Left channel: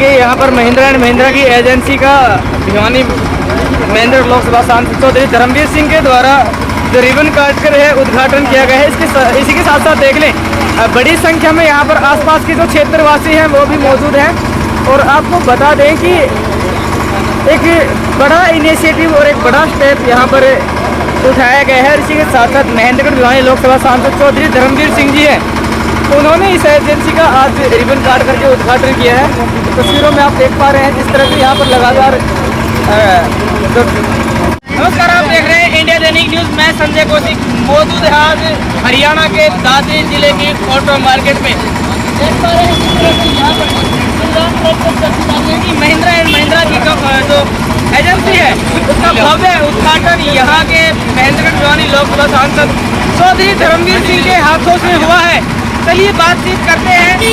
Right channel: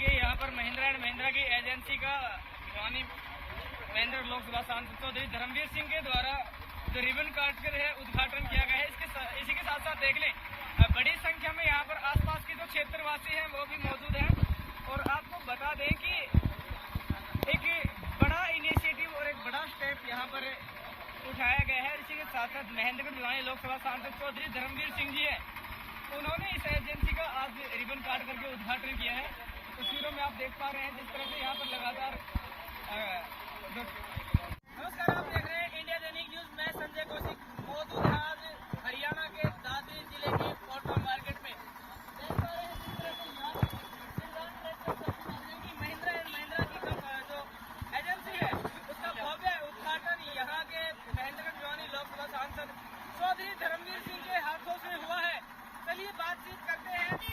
कि यहाँ पर महिंद्रा एंड महिंद्रा की एजेंसी का भिवानी महेंद्र लोकसभा सांसद चौधरी धर्मवीर सिंह के द्वारा जो रिबन काट कर है उद्घाटन किया गया है। इसी के साथ साथ देख लें बड़ी संख्या में यहाँ पर आसपास के जो क्षेत्रवासी हैं वो भी मौजूद हैं। और आपको बता दें कि एक बड़ा इनिशिएटिव और एक बड़ा स्टेप यहाँ पर उठाया गया है। इसी के साथ साथ महेंद्रगढ़ भिवानी लोकसभा सांसद चौधरी धर्मवीर सिंह जी हैं, उन्होंने इस एजेंसी का आज रिबन काट करके उद्घाटन किया है। तस्वीरों में आप देख पा रहे हैं जिस तरह से यहाँ पर लगातार नमस्कार, आप देख रहे हैं इंडिया दैनिक न्यूज़। मैं संजय कौशिक मौजूद है आज हरियाणा के दादरी जिले की ऑटो मार्केट में। देख पा रहे हैं कि महिंद्रा एंड महिंद्रा की जो एजेंसी है उसका भव्य उद्घाटन यहाँ के महेंद्रगढ़ भिवानी लोकसभा सांसद चौधरी धर्मवीर सिंह के हाथों से हुआ है। चलिए बातचीत करते हैं कि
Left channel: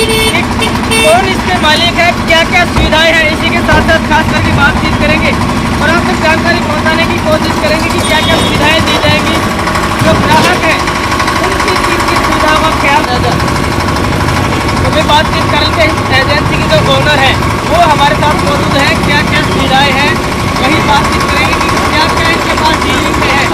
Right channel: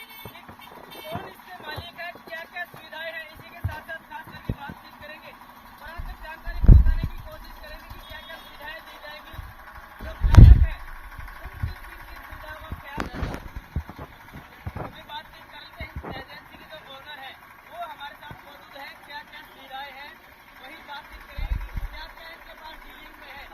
कौन इसके मालिक है, क्या क्या सुविधाएं हैं। इसी के साथ साथ खास करके बातचीत करेंगे और आप तक जानकारी पहुंचाने की कोशिश करेंगे कि क्या क्या सुविधाएं दी जाएंगी। जो ग्राहक है उनकी किस सुविधाओं का ख्याल रखा। तो मैं बातचीत करते हैं एजेंसी की जो ओनर है वो हमारे साथ मौजूद है। क्या क्या सुविधाएँ हैं वही बातचीत करेंगे कि क्या क्या इनके पास डीलिंग में है।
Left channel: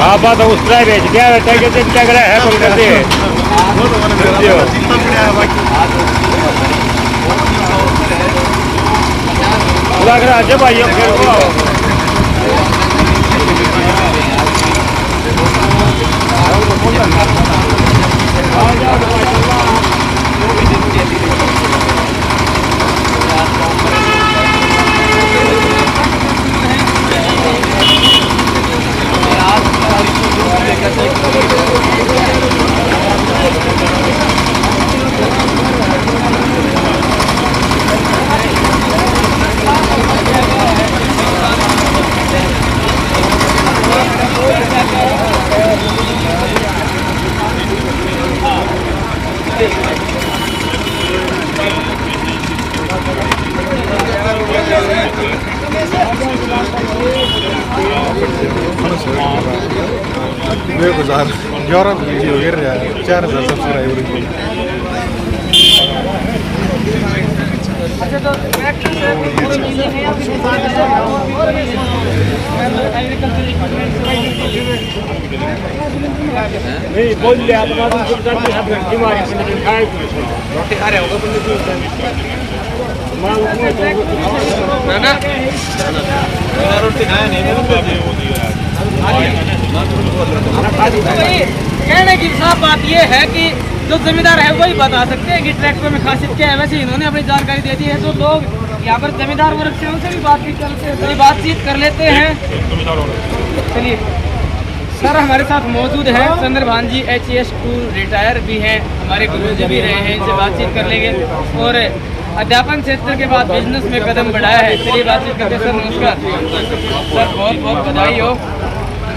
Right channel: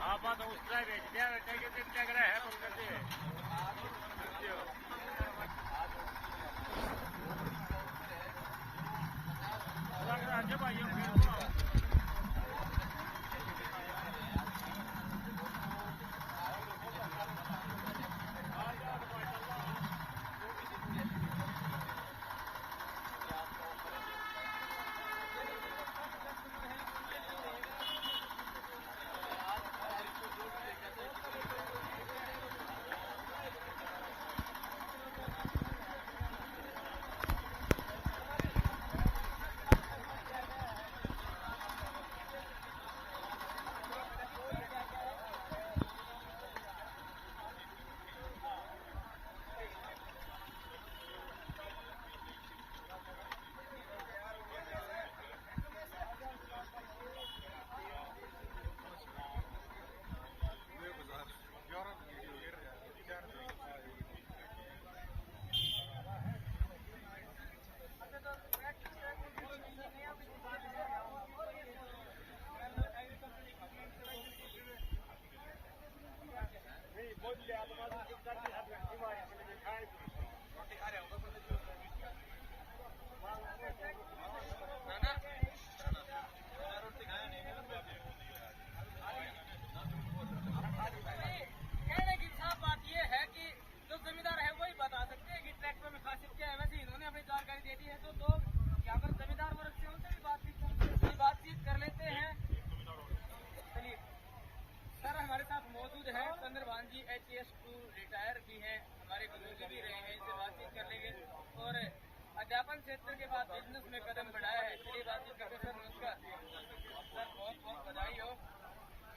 आप बात उस तरह भेज दिया कैसे लग रहा है बोल करते हैं लग रहा है भाई Jorang video ya, cara subscriber ini. नहीं बोल लिया तो मालूम चलता है आप बीमारी से नहीं खाए रोटी खा रहे होगा ना ना रोटी खाया नहीं कहने की साफ बात ये है कि जो जमींदार है वही बता सकते हैं कि ट्रैक्टर में खासियत क्या है। वैसे इन्होंने अपनी जानकारी दे दी है तो लोग यहाँ पर जमींदार वर्ग से उनसे भी बातचीत कर लेते हैं। चलिए सर हमारे साथ मौजूद हैं चंद्रभान जी, HES2 रिटायर भी हैं, हमारे गुरुजी भी रहे हैं, इनसे बातचीत कर लेंगे। और अध्यापन क्षेत्र के बाद बिजनेस में कदम बढ़ाया है। चलिए बातचीत करते हैं। सर नमस्कार। सर बहुत बहुत बधाई हो।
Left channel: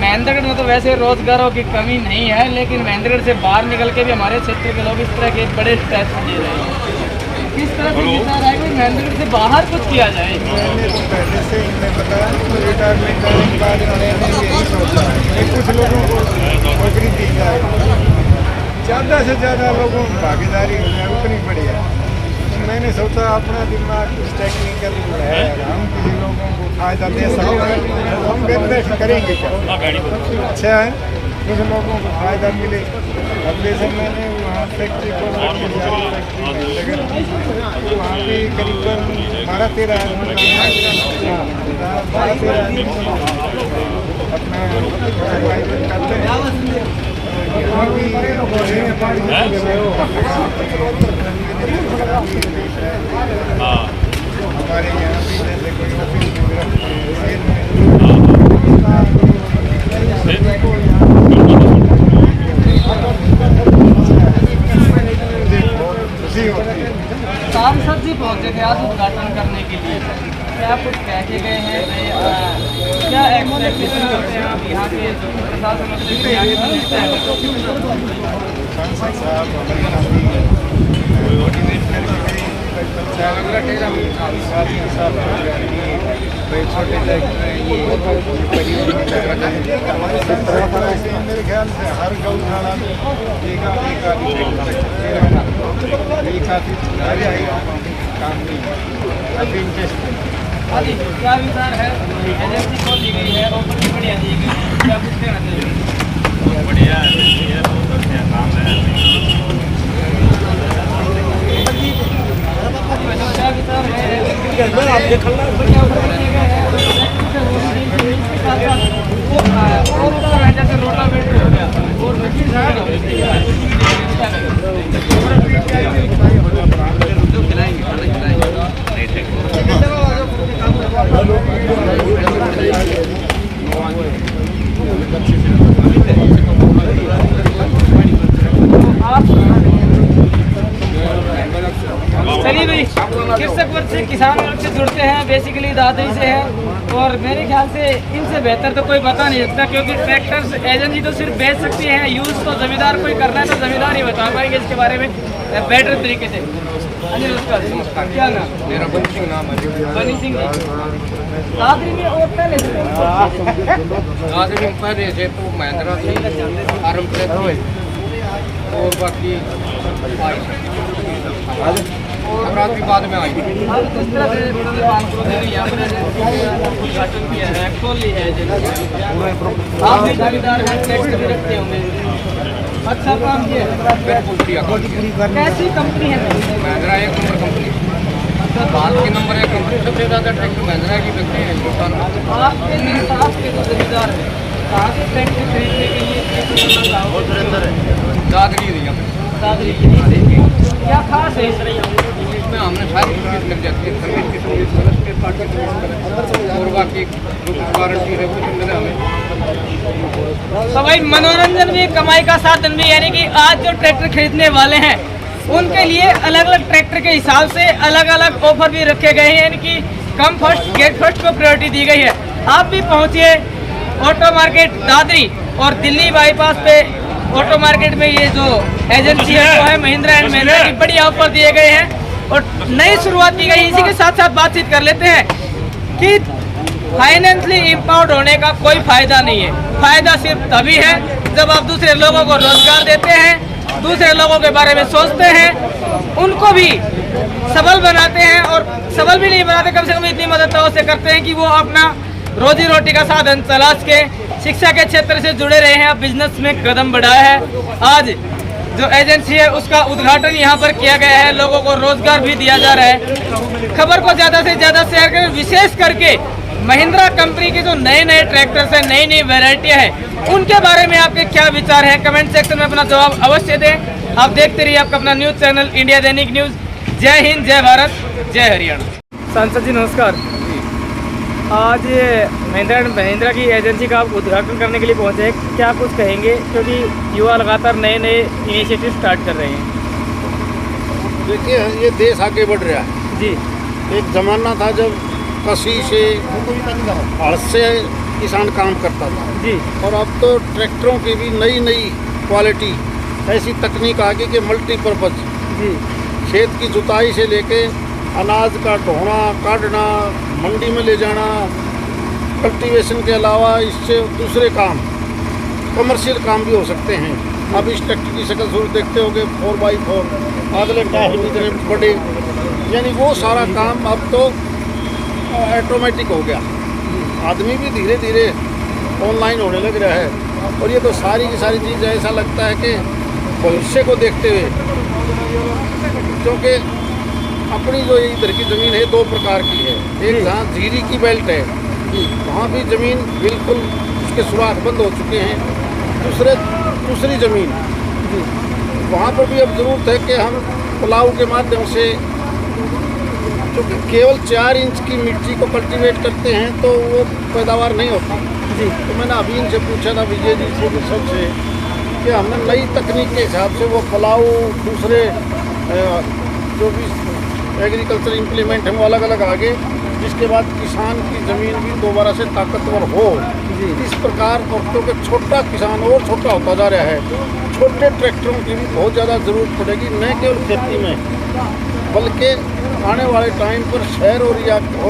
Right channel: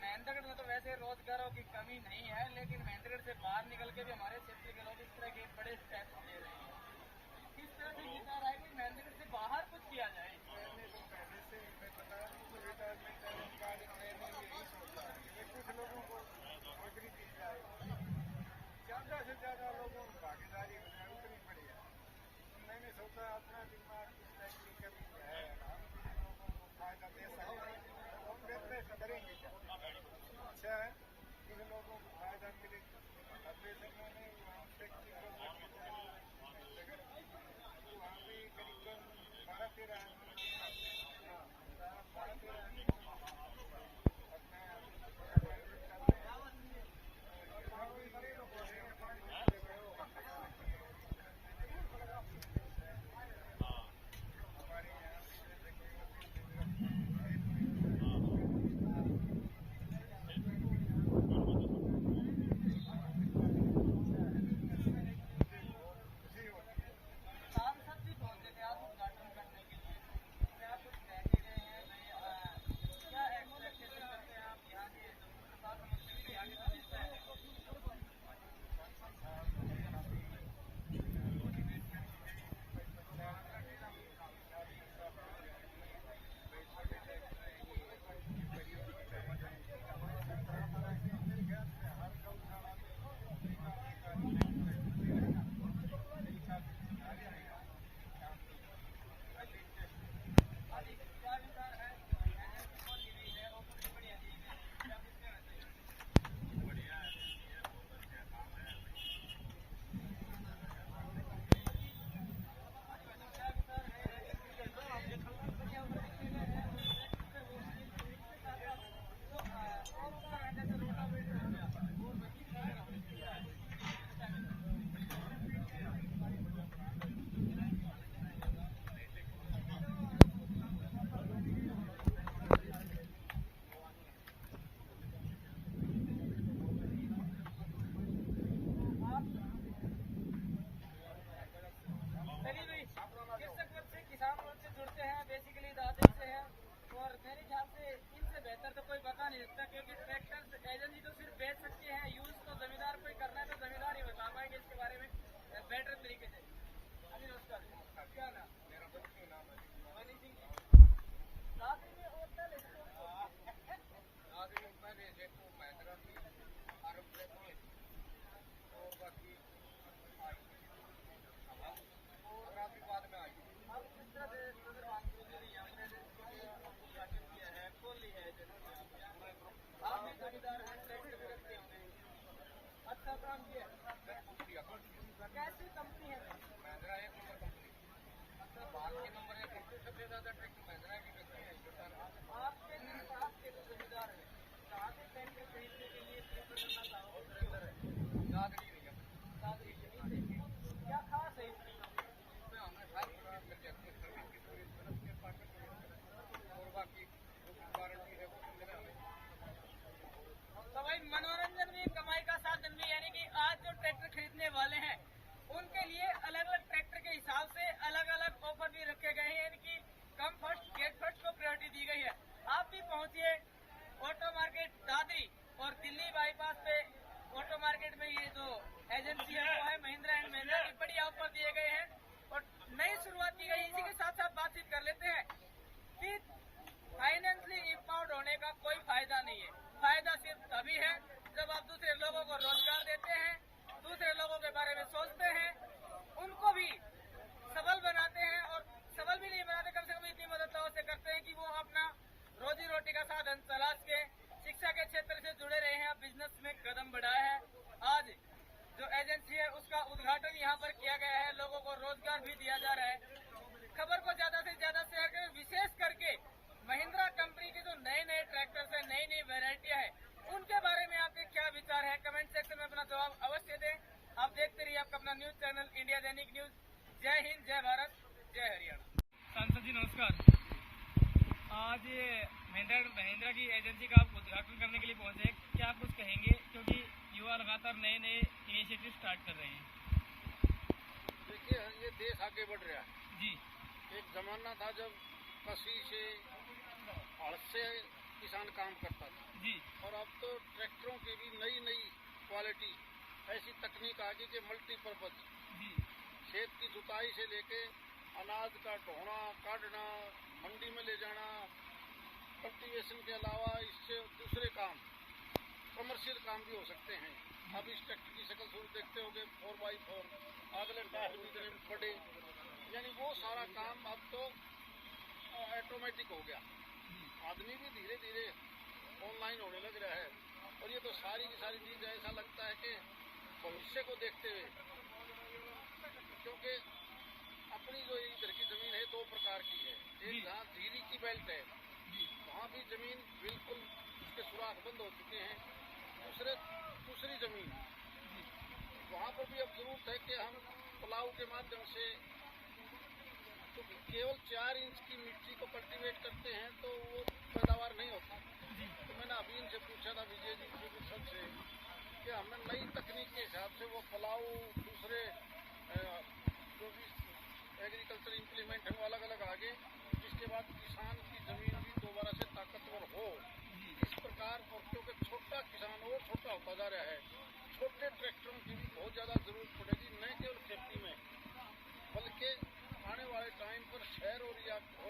महेंद्रगढ़ में तो वैसे रोजगारों की कमी नहीं है, लेकिन महेंद्रगढ़ से बाहर निकल के भी हमारे क्षेत्र के लोग इस तरह के बड़े स्टेप्स ले रहे हैं। किस तरह से विचार है कि महेंद्रगढ़ से बाहर कुछ किया जाए? मैंने तो पहले से इन्हें बताया तो रिटायरमेंट करने के बाद मैंने यही सोचा कि कुछ लोगों को नौकरी दी जाए, ज़्यादा से ज़्यादा लोगों की भागीदारी हो जाए, उतनी बढ़िया। तो मैंने सोचा अपना दिमाग कुछ टेक्निकल है, हम किसी लोगों को फायदा दे सकते हैं, हम बिजनेस करेंगे क्या अच्छा है, कुछ लोगों को फायदा मिले। अब जैसे मैंने वहाँ फैक्ट्री को वहाँ पे करीबन 12-13 अपना करते हैं। हमारे यहाँ भी जैसे कोई ऑफिस एक्सपेक्टेशन करते हैं आप यहाँ के प्रशासन से, यहाँ के मिनिस्टर सांसद साहब हमारे काफ़ी मोटिवेट करके छोटे ट्रैक्टर हैं ये परिवहन में लग रहा है। मेरे ख्याल से हर गौशाला में एक आदि ये काफ़ी सुधार आएगा काम नहीं काफ़ी इंटरेस्ट। हाँ जी, क्या विचार है? एजेंसी खोल दी गई है, ऑफर भी बढ़िया दी गई है, क्या कुछ कहना चाहिए? बढ़िया है, बहुत अच्छा काम है। क्या विचार है? जैसे रोटावेटर हो गया और चलिए भाई, कृषक वर्ग से किसान वर्ग से जुड़ते हैं, बेसिकली दादरी से है और मेरे ख्याल से इनसे बेहतर तो कोई बता नहीं सकता, क्योंकि ट्रैक्टर एजेंसी तो सिर्फ बेच सकती है, यूज़ तो जमींदार कोई करना है तो जमींदार ही बता पाएंगे इसके बारे में बेटर तरीके से। नमस्कार, क्या नाम? मेरा बनी सिंह नाम है। बनी सिंह जी, दादरी में और पहले आदमी पहले से तो महिंद्रा थी, आरम और बाकी रात भी बाद में आई। किस तरह से यहाँ पर उद्घाटन किया है, खोल ली है एजेंसी, आप भी दावेदार हैं, टैक्स भी रखते होंगे, अच्छा काम किया है। बिल्कुल किया। कैसी कंपनी है? महिंद्रा एक नंबर कंपनी, भारत की नंबर 1 कंपनी, सबसे ज़्यादा ट्रैक्टर महिंद्रा की बिकते हैं हिंदुस्तान में। आपके इंसाफ के जो जमींदार हैं, कहाँ से ट्रैक्टर खरीदने के लिए दादरी दिया दादरी के लिए क्या खास है इसमें हमने सारी सर्विस लग जाती है, सर्विस की सर्विस के पार्ट की सर्विस और बाकी जो वारंटी है वो मिले हमें। तो भाई मनोरंजन भी कमाई का साधन भी, यानी कि आज जो ट्रैक्टर खरीदने वाले हैं उनके लिए अलग अलग ट्रैक्टर के हिसाब से अलग अलग ऑफर भी रखे गए हैं, यानी कि कम फर्स्ट गेट फर्स्ट को प्रायोरिटी दी गई है। आप भी पहुंचिए ऑटो मार्केट दादरी और दिल्ली बाईपास पे ऑटो मार्केट में ये जो एजेंसी है वो है महिंद्रा एंड महिंद्रा की बढ़िया ऑफर दिए गए हैं और नई शुरुआत की गई। इसी के साथ साथ बातचीत कर लेते हैं कि फाइनेंशियली इम्पावर्ड होने का कोई फायदा नहीं है, फायदा सिर्फ तभी है जब आप दूसरे लोगों को रोजगार देते हैं, दूसरे लोगों के बारे में सोचते हैं, उनको भी सबल बनाते हैं और सबल भी नहीं बनाते, कम से कम इतनी मदद तो उससे करते हैं कि वो अपना रोजी रोटी का साधन तलाश के शिक्षा के क्षेत्र से जुड़े रहे हैं, बिजनेस में कदम बढ़ाया है। आज जो एजेंसी है उसका उद्घाटन यहाँ पर किया गया है, लोगों को रोजगार भी दिया जा रहा है। खबर को ज़्यादा से ज़्यादा शेयर करें, विशेष करके महिंद्रा कंपनी के जो नए नए ट्रैक्टर्स हैं, नई नई वेराइटियाँ हैं, उनके बारे में आपके क्या विचार हैं? कमेंट सेक्शन में अपना जवाब अवश्य दें। आप देखते रहिए आपका अपना न्यूज़ चैनल इंडिया दैनिक न्यूज़। जय हिंद, जय भारत, जय हरियाणा। सांसद जी नमस्कार, आज महिंद्रा की एजेंसी का आप उद्घाटन करने के लिए पहुंचे हैं, क्या कुछ कहेंगे? क्योंकि युवा लगातार नए नए इनिशिएटिव स्टार्ट कर रहे हैं। देखिए, ये देश आगे बढ़ रहा है जी। एक ज़माना था जब कसी से हड़ से किसान काम करता था जी, और अब तो ट्रैक्टरों की भी नई नई क्वालिटी, ऐसी तकनीक आ गई कि मल्टीपर्पज़ जी, खेत की जुताई से लेके अनाज का ढोना, काटना, मंडी में ले जाना, कल्टीवेशन के अलावा इससे दूसरे काम, कमर्शियल काम भी हो सकते हैं। अब इस ट्रैक्टर की शक्ल सूरत देखते होगे, 4x4, अगले टायर भी इतने बड़े, यानी वो सारा काम अब तो ऑटोमेटिक हो गया। आदमी भी धीरे धीरे ऑनलाइन होने लग रहा है और ये तो सारी की सारी चीज़ ऐसा लगता है कि भविष्य को देखते हुए, क्योंकि अपनी जो इधर की ज़मीन है 2 प्रकार की है। एक जहाँ जीरी की बेल्ट है, वहाँ भी ज़मीन बिल्कुल उसके सुराख बंद हो चुके हैं। दूसरी ज़मीन वहाँ पर भी अब ज़रूरत है कि हम पुलाव के माध्यम से, क्योंकि केवल 4 इंच की मिट्टी को कल्टीवेट करते हैं तो वो पैदावार नहीं होती जी। तो मैंने अभी इनसे पूछा था, विजय जी सबसे, कि हमने नई तकनीक के हिसाब से वो पुलाव, दूसरे जो भी एग्रीकल्चर इम्प्लीमेंट हैं वो अलग अलग आगे जिसके बाद किसान की ज़मीन भी दोबारा से ताकतवर हो। इस प्रकार क्योंकि छोटा किसान और छोटा होता जा रहा है, छोटे ट्रैक्टरों की भी बहुत ज़्यादा ज़रूरत पड़ेगी, न केवल खेती में बल्कि आने वाले टाइम पर शहर और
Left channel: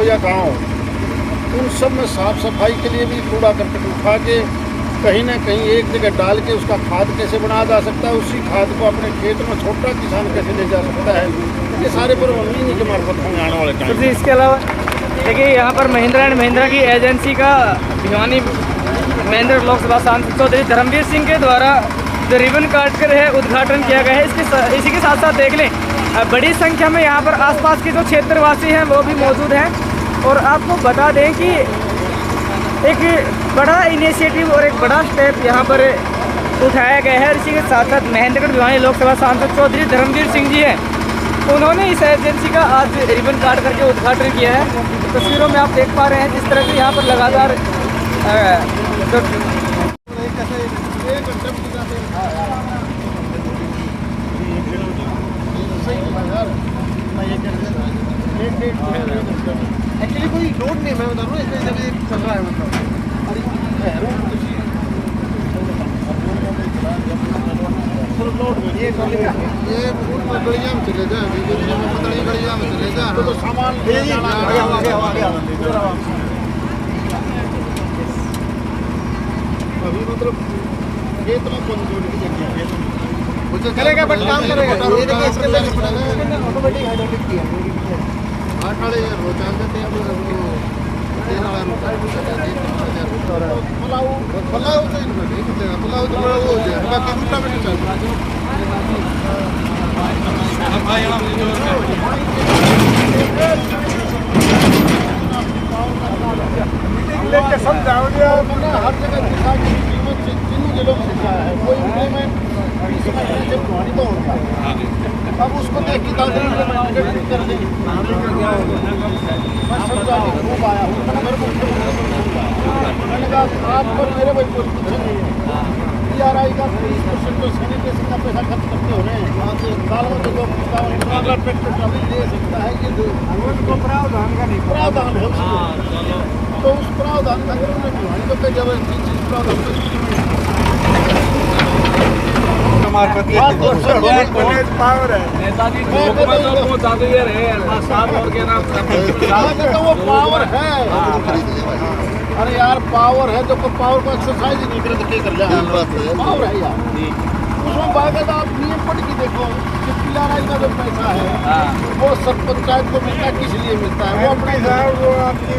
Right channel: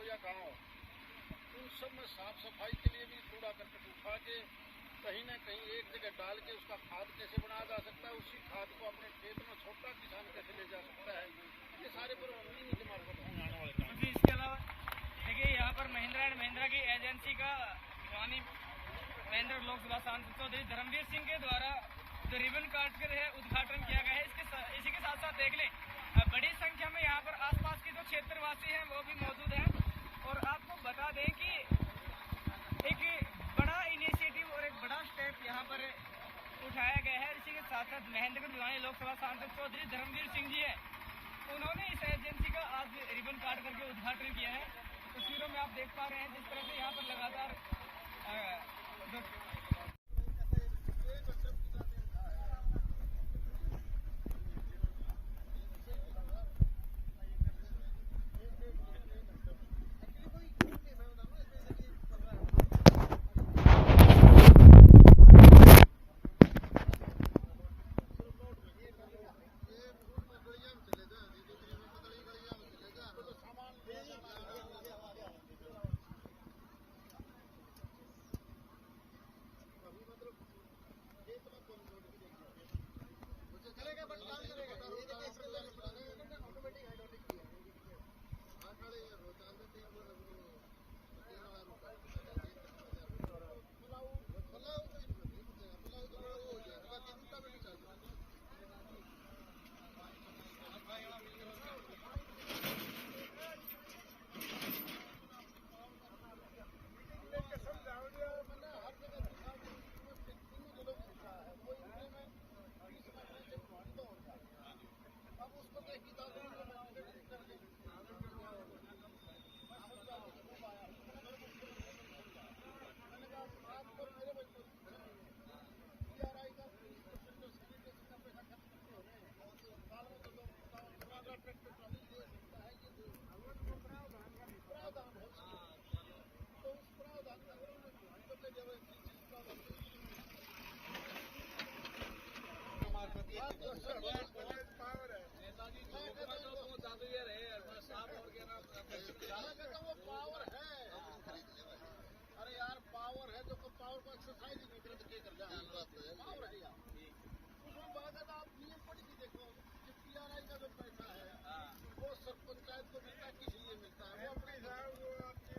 या गाँव, उन सब में साफ़ सफाई के लिए भी कूड़ा करकट उठा के कहीं ना कहीं एक जगह डाल के उसका खाद कैसे बनाया जा सकता है, उसी खाद को अपने खेत में छोटा किसान कैसे ले जा सकता है, ये सारे प्रबंध इन्हीं के मार्फत होंगे आने वाले टाइम। जी, इसके अलावा देखिए यहाँ पर महिंद्रा एंड महिंद्रा की एजेंसी का भिवानी महेंद्र लोकसभा सांसद चौधरी धर्मवीर सिंह के द्वारा जो रिबन काट कर है उद्घाटन किया गया है। इसी के साथ साथ देख लें बड़ी संख्या में यहाँ पर आसपास के जो क्षेत्रवासी हैं वो भी मौजूद हैं। और आपको बता दें कि एक बड़ा इनिशिएटिव और एक बड़ा स्टेप यहाँ पर उठाया गया है। इसी के साथ साथ महेंद्रगढ़ भिवानी लोकसभा सांसद चौधरी धर्मवीर सिंह जी हैं, उन्होंने इस एजेंसी का आज रिबन काट करके उद्घाटन किया है। तस्वीरों में आप देख पा रहे हैं जिस तरह से यहाँ पर लगातार एक्चुअली कोई रोड नहीं, मैं बता रहा हूँ, इसमें जब चल रहा है मतलब ये गलियाँ में चले जाए, गलियाँ में चले जाए तो सामान अभी मतलब खेत में कौन की जगह करेगा, बट काम करेगा। ऑटोमेटिक हाइड्रोलिक की है आठाड़े रोचान देते हैं पलाऊ तो इनको नहीं मिलेगा, पलाऊ तो बड़ा हो जाए, बाकी दूसरा में नहीं चल रहा। लेके समझाओ मैंने हर जगह दिखा कि कीमत तीनों जिलों में दिखा है, कोई इम्प्लीमेंट इसमें जब पुरानी तो होता है, अब उसको देख के दादा कर देंगे। मैं समझा खूब आया हूँ, मेरे को मैंने कहा आप पर मेरे भाई कोई कुछ नहीं है, PRI का 30% तो सैनिटेशन का पैसा खर्च करते हो रहे हैं, वहाँ से साल में तो 15 ट्रैक्टर ट्रॉली ले सकता है, ये उनको प्रावधान का नहीं प्रावधान है तो उस प्रावधान का अगर उन्हें भिवानी को कई जबरदस्ती चीज प्रावधान पावर है नेताजी वो पावर है। अरे यार पावर है तो पावर को एक्सरसाइज ही नहीं करे तो क्या कर जाए, पावर है यार उसमें बाकायदा आप नियम पढ़ के देखो कि PRI का जो पैसा है वो सब पंचायत को मिलता है, किस लिए मिलता है, वो अपने वो आपकी